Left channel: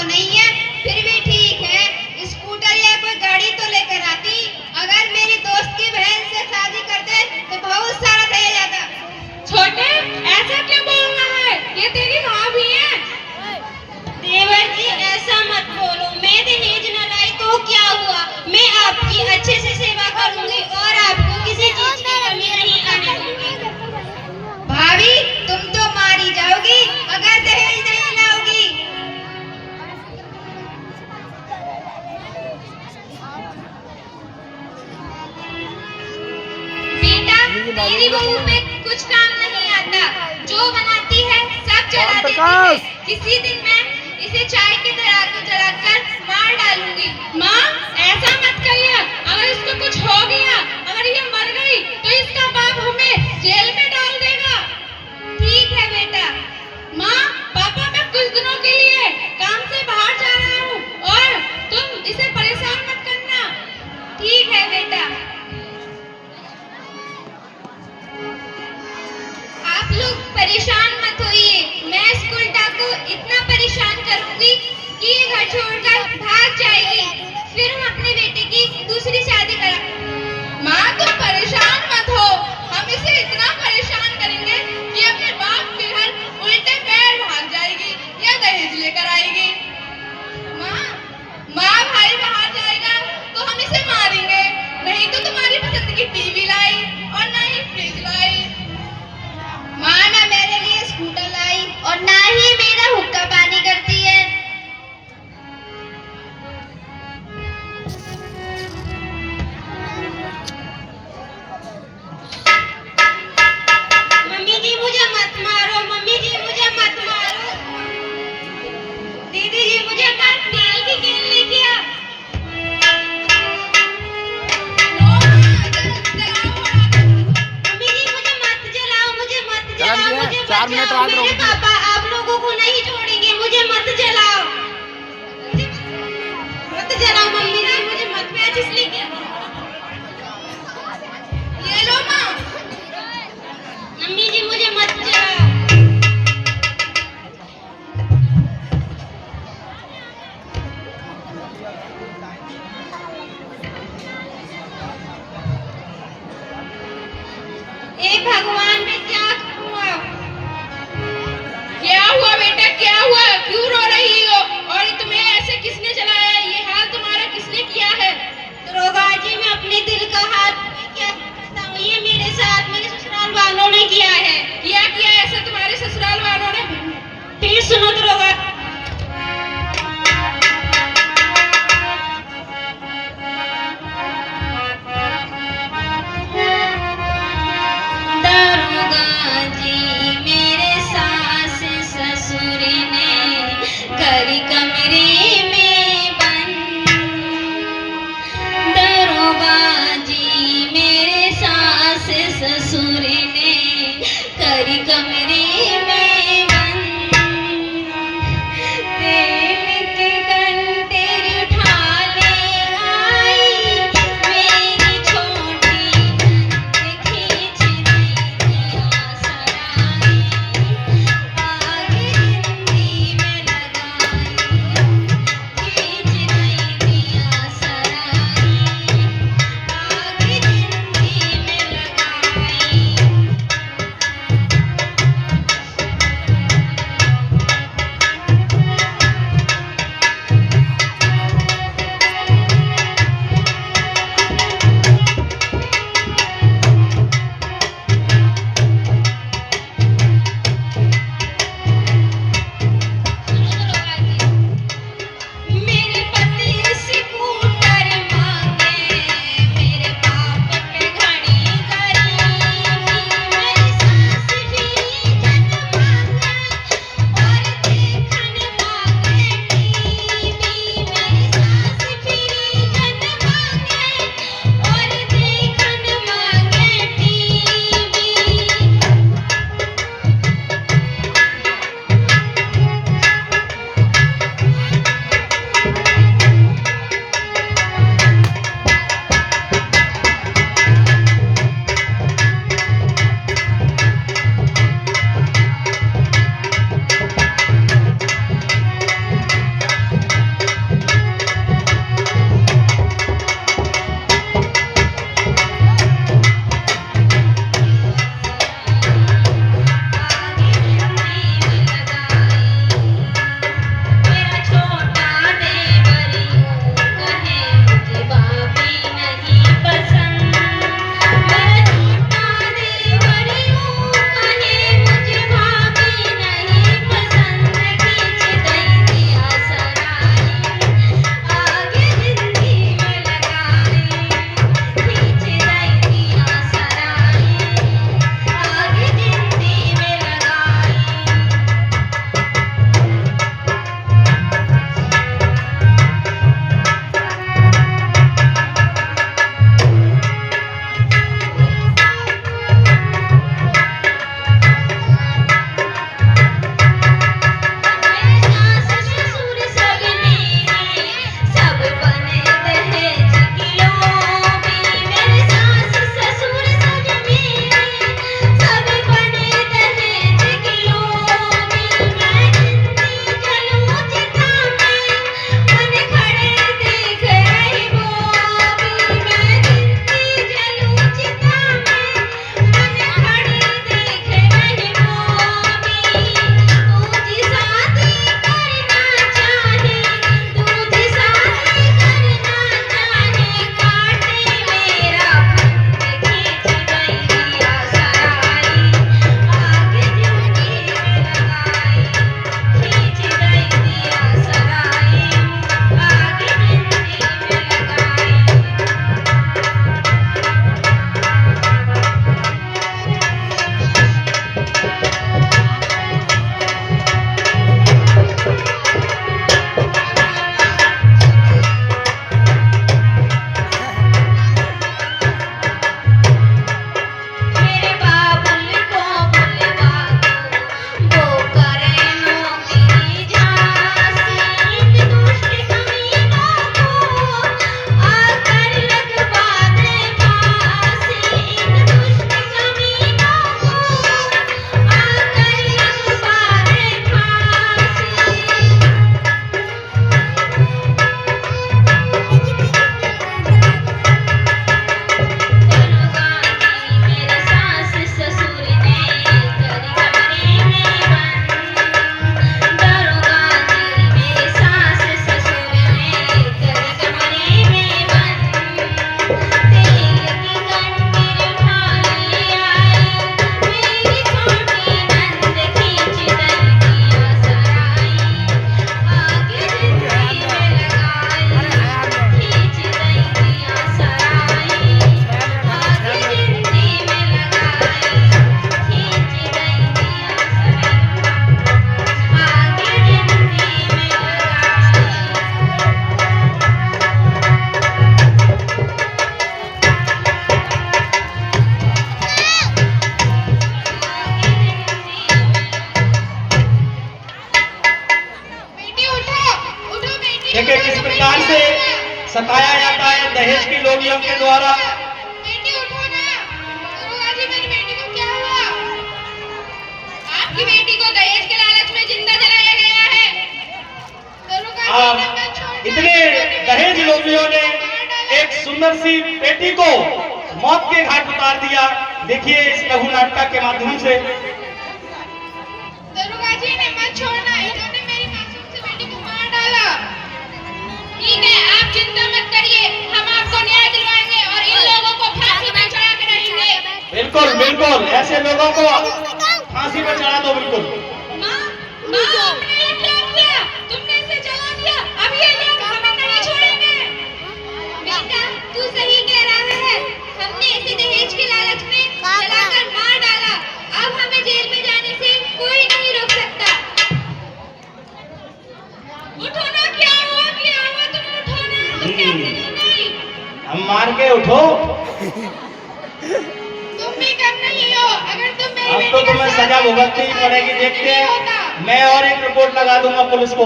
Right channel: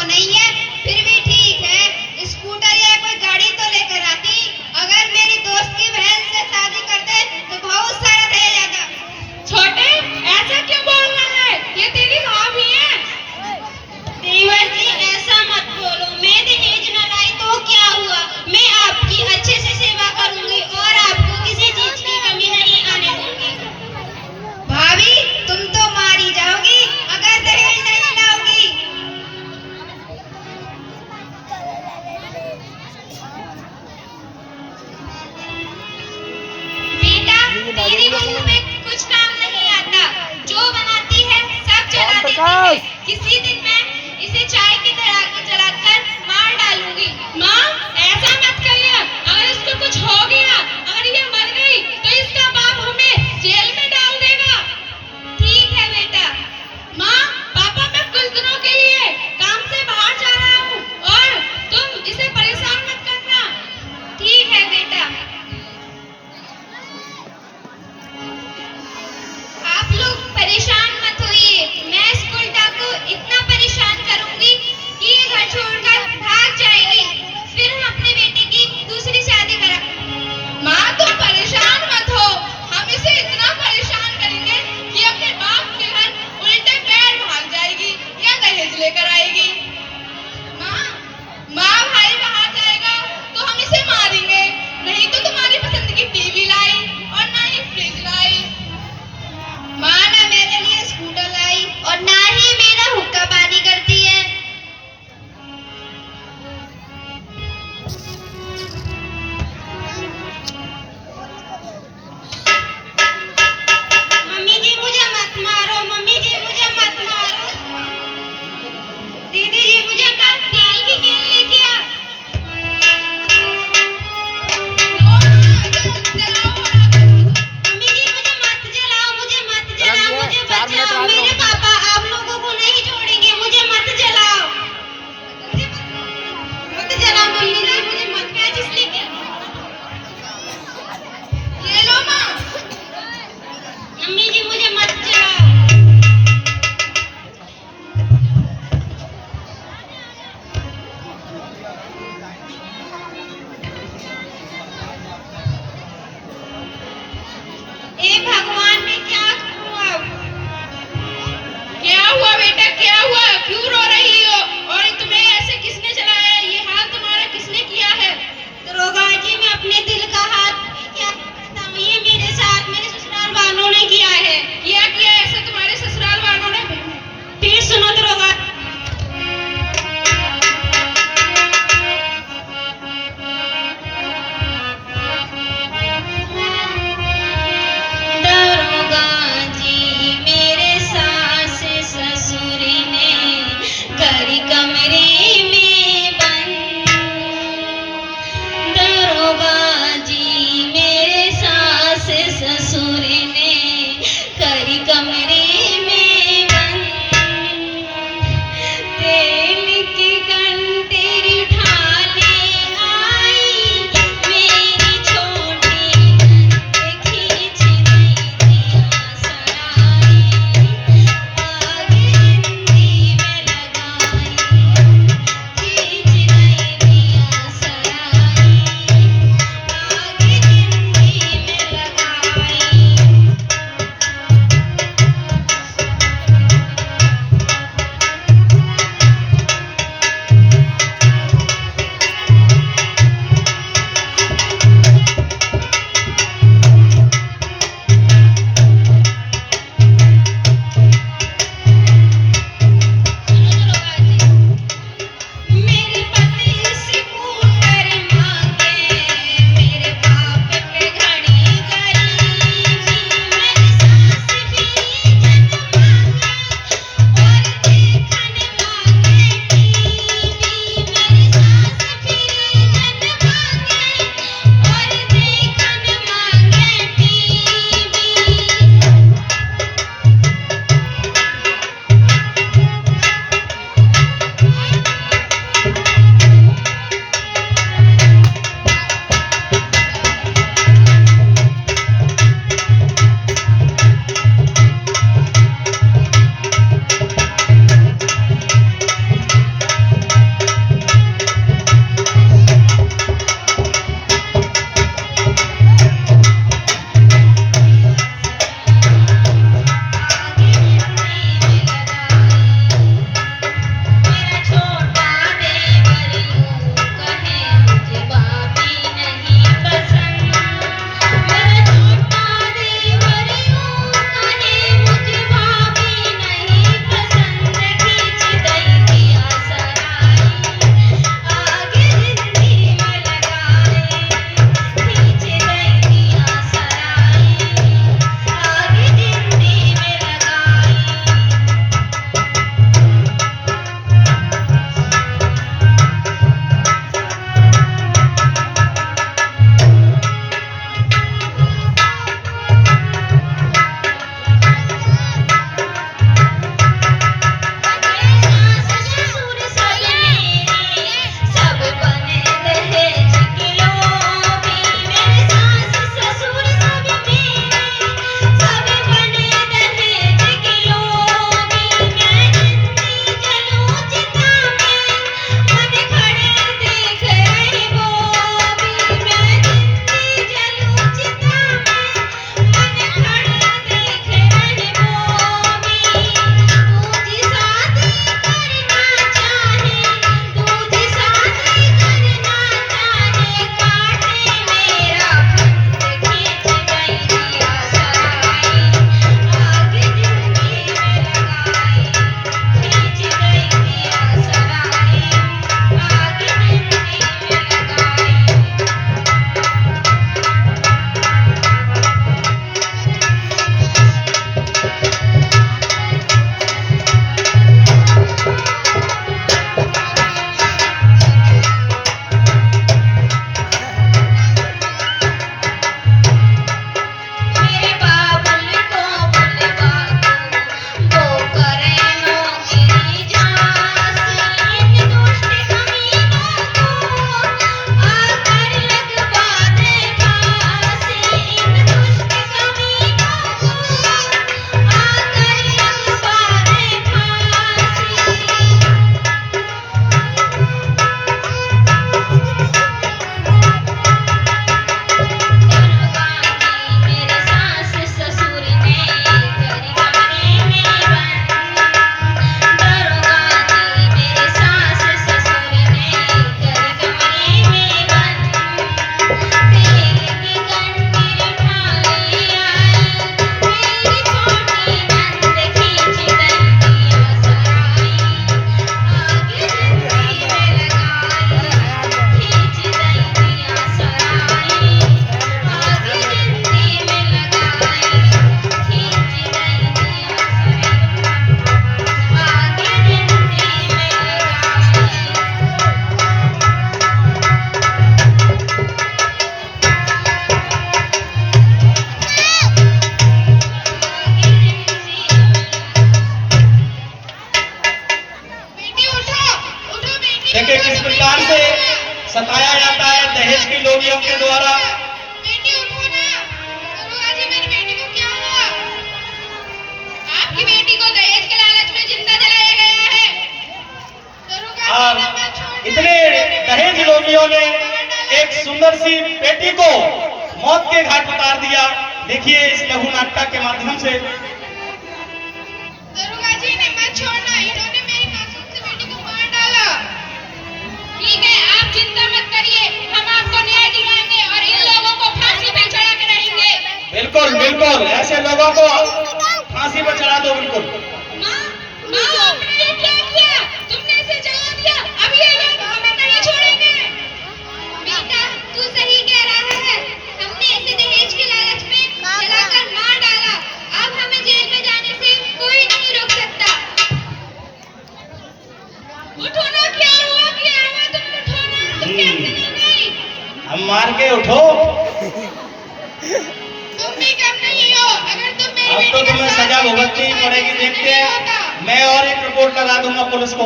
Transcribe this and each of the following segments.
तो नहीं है, फिर भी ठीक है। स्कूटर या कोई गाड़ी तो लेकर आती। अगर मेरी दोस्त की बहन से शादी करते तो बहुत सारा दहेज आता। छोटे, ऐसा क्यों बोलना है? ये तेरी भाभी है। देवर जी ऐसा मत बोलो, मैं दहेज न लाई तो क्या हुआ? मैं आपकी अच्छे से सेवा करूंगी और आपको किसी चीज की कमी नहीं आने दूंगी। भाभी तुम तो मारी जाओगी अगर दहेज नहीं लाओगी। बेटा तेरी बहू में कुछ काम नहीं आता, जो बनाती है सब चला देती है। किसी दिन मैं इसे चाय की तरह जलाकर मार डालूंगी। माँ, ऐसा मत कहिए। अगर इसको कुछ हो गया, अगर ये मर गई, तो इसका बाप हमें जेल में डाल देगा। ठीक है बेटा। माँ, पापा मैं कुछ दिनों के लिए काम से बाहर जा रहा हूँ और तुम इसे परेशान मत करना। ठीक है बेटा। आप लोग परेशान मत होइए, मैं इस उल्टा को इतना परेशान करूंगी कि ये घर छोड़कर भाग जाएगी। फिर हम अपने बेटे की दूसरी शादी करा। माँ तुम परेशान मत हो, हम इसे इतना परेशान करेंगे कि अपने बाप के घर उल्टे पैर भाग जाएगी या दहेज लेकर आएगी। माँ भाई बाहर जाएगा तो हम इसे मारेंगे, नहीं तो तुम्हारी पसंद की टीवी लाई और ना ही फ्रिज लाई। माँ ना मेरे लिए स्कूटर लाई और ना ही मेरा हुक्का पानी करती है। मम्मी जी मुझे मत मारो, मम्मी जी मुझे मत मारो। दीदी जी मुझे कल तेल की केन लेके आ। मम्मी जी मुझे मत जलाओ, मुझे मत जलाओ, मुझे बचाओ। मेरे पापा आप लोगों को नहीं छोड़ेंगे, मुझे मत जलाओ। मुझे मत जलाओ मम्मी जी, मुझे मत मैच इसलिए। ये लो माँ। मम्मी जी मुझे मत जलाओ। हे भगवान मैं क्या करूं अब? क्या हुआ बेटा, क्या हुआ? क्यों रो रही हो? और तुम्हें ऐसे किसने जलाया? ये हाल तुम्हारा किसने किया है? दरोगा जी मैं अपने दिल का हाथ क्या बताऊं, ये मेरे साथ मेरे ससुराल वालों ने किया है। किया ऐसा तुम्हारे ससुराल वालों ने? फिर सुनो दरोगा। दरोगा जी मेरे सास ससुर ने घर कमरे में बंद। दरोगा जी मेरे सास ससुर ने घर कमरे में बंद। तेल की कंटेरी उठाने आई, मेरी छोटी खींच नहीं दिया सराय। आगे हिंदी में लगाई, खींच नहीं दिया सराय। आगे हिंदी में लगाई। सुंदर सी बेटी को मौत के घाट उतार दिया। देखिए इस लघु नाटक के माध्यम से। दरोगा जी ने मत छोड़ना, इन्होंने मेरी मासूम सी बेटी को मार डाला। ठीक है, आप चिंता मत करिए, हम आपको न्याय दिलवाएंगे और इन लोगों को फांसी पे चढ़ा के रहेंगे। बिल्कुल बिल्कुल, ऐसे लोगों को फांसी पर चढ़ा दो। बिल्कुल। माँ, आपने ये क्या किया? तुमने इसे जला दिया। अब ये लोग हमें नहीं छोड़ेंगे। बेटा तू सही कह रहा है, हमने इसे दहेज के लालच में जलाकर मार डाला। अब हमें जेल में जाने से कोई नहीं रोक सकता। उठो ना, क्या हुआ तुम उठो ना, तुम कैसे गिर गई? हम मार के उठो। तुम भी कम नहीं हो, अगर तुम मेरी अब बेटी तो के तुम्हें साथ सजा ऐसी भुगतनी ही पड़ेगी। देखते नहीं हैं, होता। मैं और एक रिपोर्ट लगा दूंगा पुलिस को।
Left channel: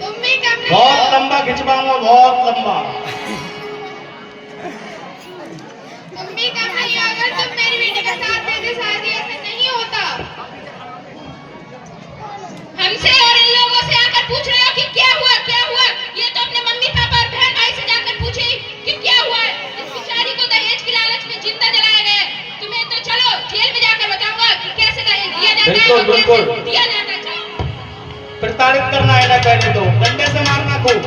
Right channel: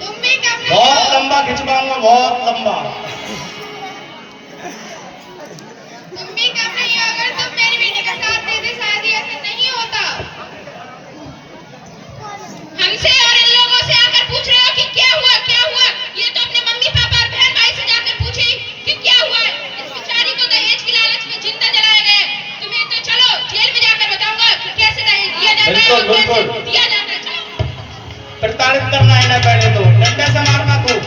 तुम भी कम नहीं बहुत हो, लंबा खिंचवाऊंगा, बहुत लंबा। तुम भी कम नहीं हो, अगर तुम मेरी बेटी के साथ देते शादी ऐसा नहीं होता। हमसे और इन लोगों से आकर पूछ रहे हो कि क्या हुआ। ये तो अपने मम्मी पापा और बहन भाई से जाकर पूछे कि क्या हुआ है। इस बेचारी को दहेज की लालच में जिंदा जलाया गया है। तुम्हें तो चलो जेल में जाकर बताऊंगा कि कैसे दहेज दिया जाता है बिल्कुल, और कैसे बिल्कुल। दिया जाता है। चलो। प्रताड़ित करना है ना, पहले तो डंडे से मारना खूब।